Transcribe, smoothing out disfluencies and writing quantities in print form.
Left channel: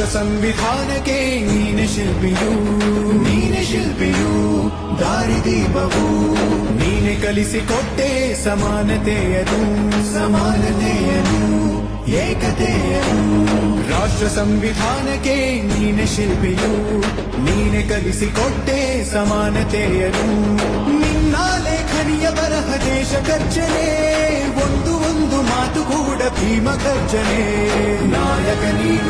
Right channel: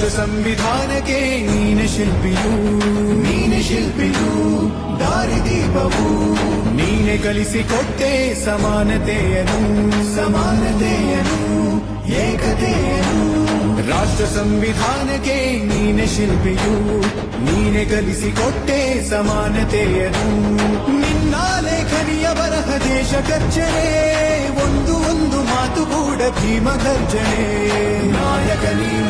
ರಾಷ್ಟ್ರ ಸಂವಿಧಾನಕ್ಕೆ ನೀನೆ ಶಿಲ್ಪಿಯು ದಾರಿದೀಪವು ನೀನೆ ಕಲಿಸಿಕೊಟ್ಟೆ ಸಮಾನತೆಯನ್ನು ಏಕತೆಯನ್ನು ರಾಷ್ಟ್ರ ಸಂವಿಧಾನಕ್ಕೆ ನೀನೆ ಶಿಲ್ಪಿಯು ನೀನೆ ಕಲಿಸಿಕೊಟ್ಟೆ ಸಮಾನತೆಯನ್ನು ನಿನ್ನ ಲೇಖನಿಯ ಬರಹ ದೇಶ ಗರ್ಜನೆ ಒಂದು ಮಾತು ಕೂಡ ಭೀಮ ಗರ್ಜನೆ ನಾಯಕ ನೀನು